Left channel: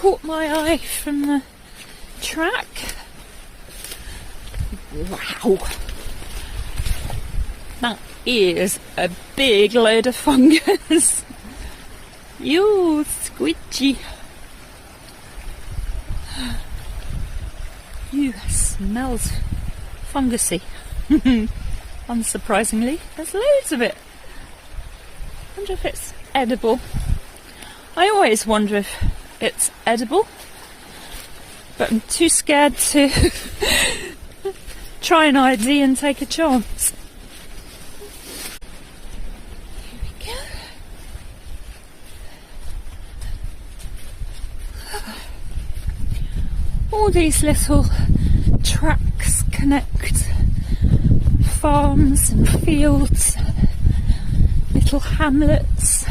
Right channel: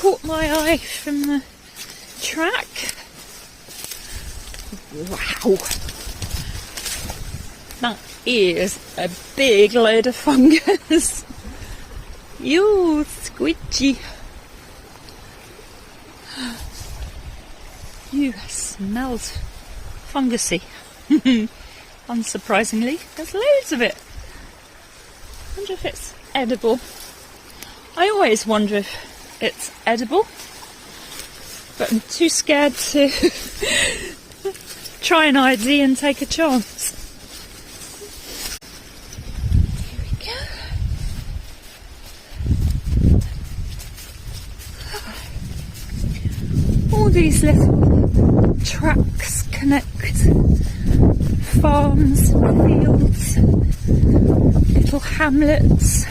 caught my eye from the track. Wow. That is a big load of fungus. Yo, squidgy. Ew, smells fungusy. Unsurprisingly, there's loads of it. I wonder if it's edible. I always wonder if it's edible, but I'm too scared to try an ID and take a chance. All these little tracks connect farms and fields, little hamlets.